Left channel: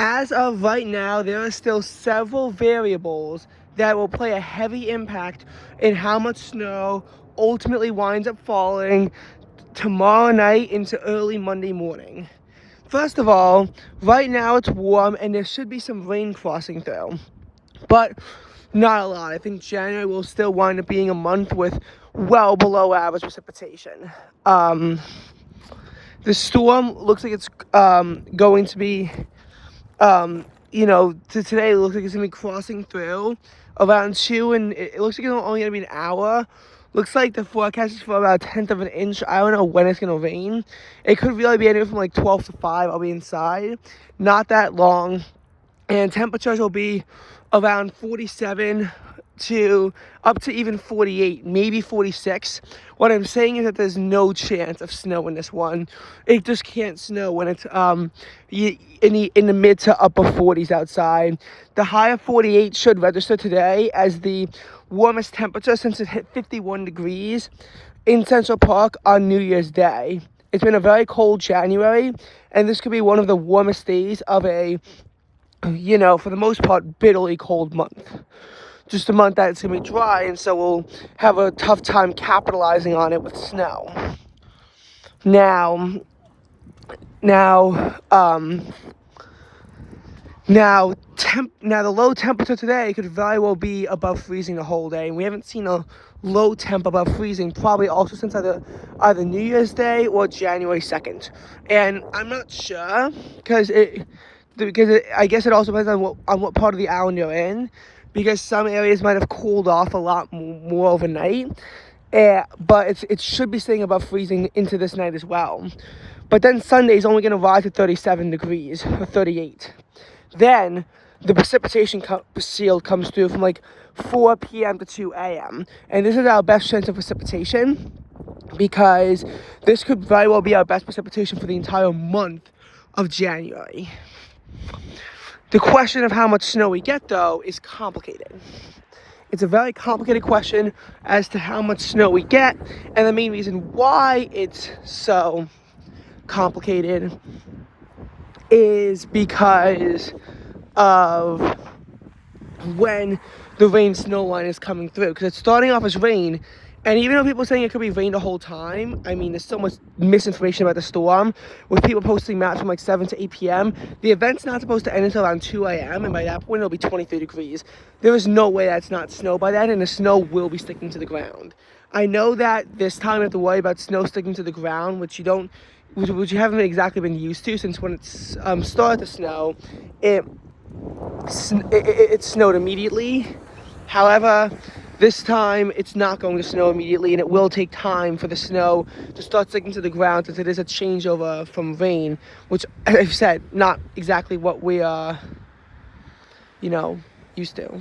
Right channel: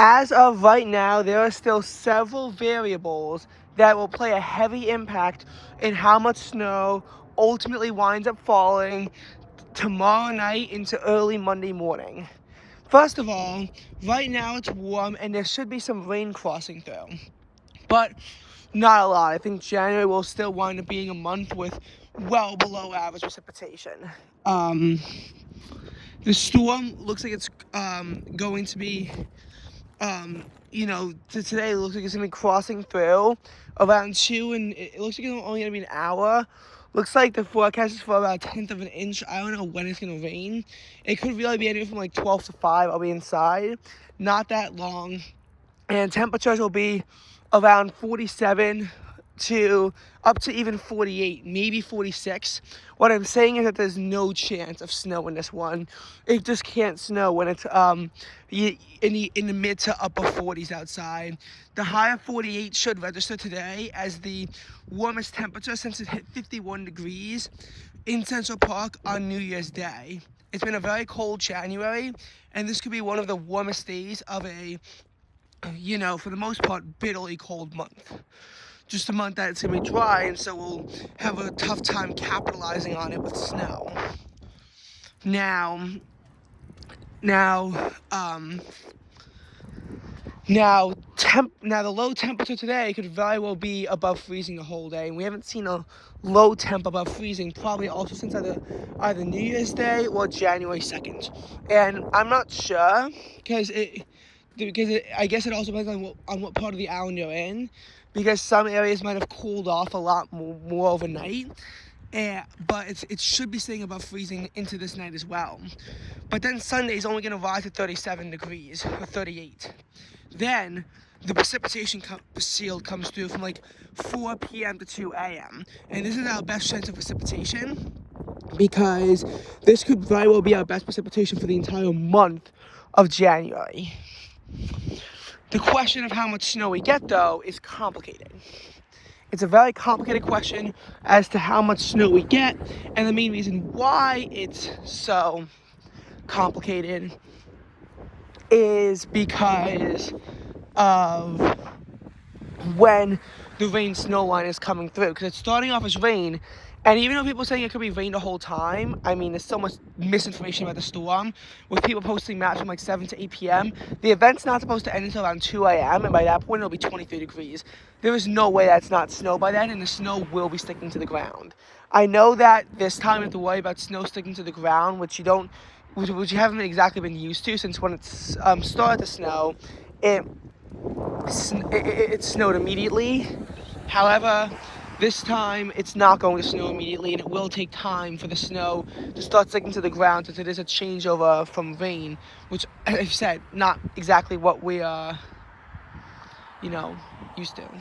As of right now, there are still several variables that will play a heavy impact in how much snow ultimately winds up falling tomorrow night into early Monday morning. First of all, right now it's warm and there should be some rain crossing through, but not a lot. I think January will still wind up being a month with well below average precipitation. The storm looks like it's going to be today it looks like it's gonna be crossing through around 2, and it looks like it's only gonna be an hour. Looks like the forecast is for about 1/10 of an inch. I don't know when it's gonna rain. It could really be anywhere from like 12 to 5. I'll be inside. Not that long. And temperatures will be around 47 to up to even 48, maybe 46. What I'm saying is that there's no chance of snow in this one. It just can't snow when it's in the mid to upper 40s outside. The high of 48 should register today as the warmest temperature since it hit 51 degrees in Central Park on New Year's Day. It's been a very cold January, and this could be one of the warmest days of a, for the most part, bitterly cold month. Just a month that it's going to be dry, and so we'll have a tough time capitalizing on it with snow. Now the low temperature today could very well be above freezing the whole day. And we haven't seen a low temp above freezing probably also since either New Year's Day or January 2nd. And I'm not sure because I guess it also depends on what part of the island you're in, because some areas might have cooled off a lot more overnight. But it should be staying above freezing into this night as well. But then Sunday is only going to rise to 37 degrees or 38. Then the precipitation shield comes through from like 4 p.m. to 2 a.m. And this is our best chance of precipitation, because this could very well be our best precipitation for the entire month of January. The question of how much snow we get, though, is complicated. It's a very complicated question as to how much snow we get, and the main reason why it's so complicated is because of when the rain snow line is coming through, because it's starting off as rain. And even though people are saying it could be rain the whole time, I mean, there's so much misinformation about the storm, with people posting maps from like 7 to 8 p.m. The event's not supposed to end until around 2 a.m., and by that point, it'll be 23 degrees. There is no way that's not snow by then, and the snow will be sticking to the ground. I know that this time you have to worry about snow sticking to the ground, which you haven't exactly been used to, since when it's started to snow, it snowed immediately. However, this time it's not going to snow immediately, and it will take time for the snow to start sticking to the ground, since it is a changeover from rain, which, as I've said, not exactly what we are, used to.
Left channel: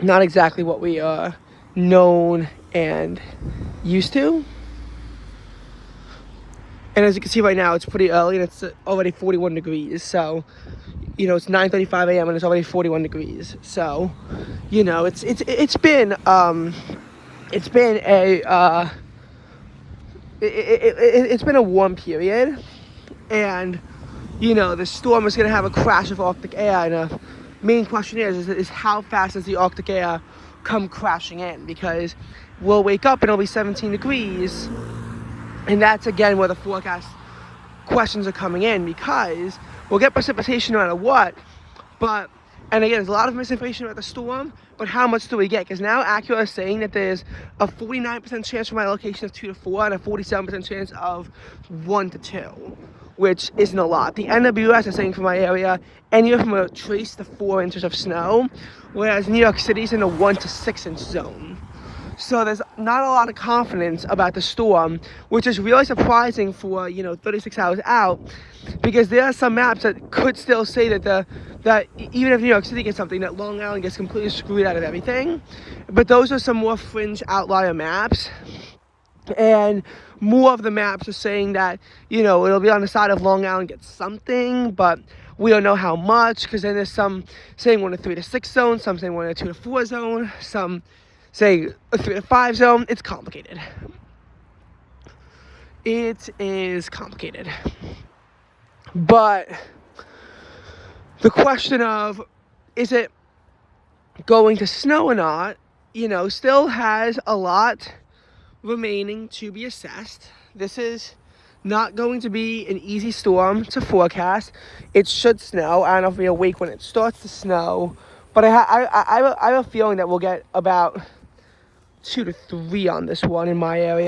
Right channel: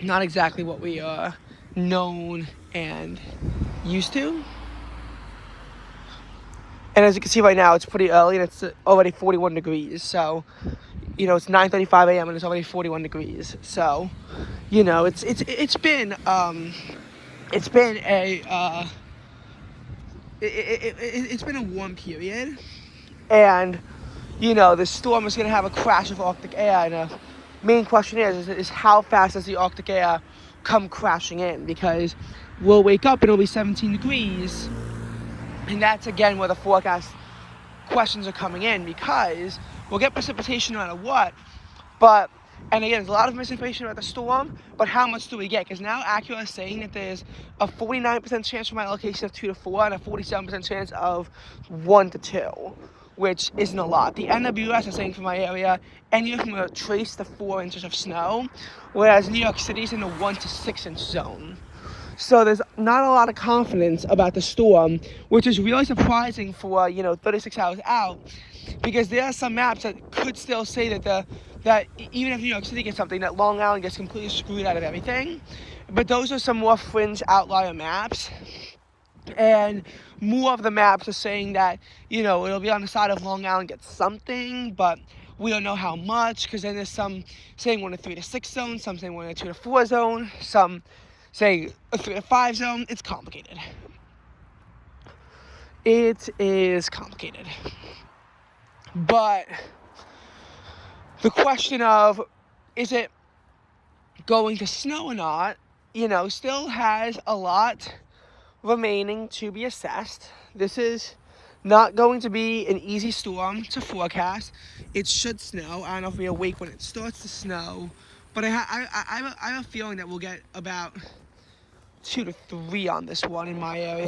Not exactly what we are known and used to. And as you can see right now, it's pretty early, and it's already 41 degrees, so it's 9:35 a.m. and it's already 41 degrees. So, it's been a warm period, and the storm is going to have a crash of Arctic air, and the main question is how fast does the Arctic air come crashing in? Because we'll wake up and it'll be 17 degrees, and that's again where the forecast questions are coming in, because we'll get precipitation no matter what, and again, there's a lot of misinformation about the storm, but how much do we get? Because now Acura is saying that there's a 49% chance for my location of 2 to 4 and a 47% chance of 1 to 2, which isn't a lot. The NWS is saying for my area anywhere from a trace to 4 inches of snow, whereas New York City's in the 1 to 6 inch zone. So there's not a lot of confidence about the storm, which is really surprising for 36 hours out, because there are some maps that could still say that even if New York City gets something, that Long Island gets completely screwed out of everything. But those are some more fringe outlier maps, and more of the maps are saying that it'll be on the side of Long Island gets something, but we don't know how much, because then there's some saying 1 to 3 to 6 zone, some saying 1 to 2 to 4 zone, some say a 3 to 5 zone. It's complicated. It is complicated. But the question of, is it going to snow or not, still has a lot remaining to be assessed. This is not going to be an easy storm to forecast. It should snow. I don't know if it'll be a week when it starts to snow, but I have a feeling that we'll get about 2 to 3 on this one in my area.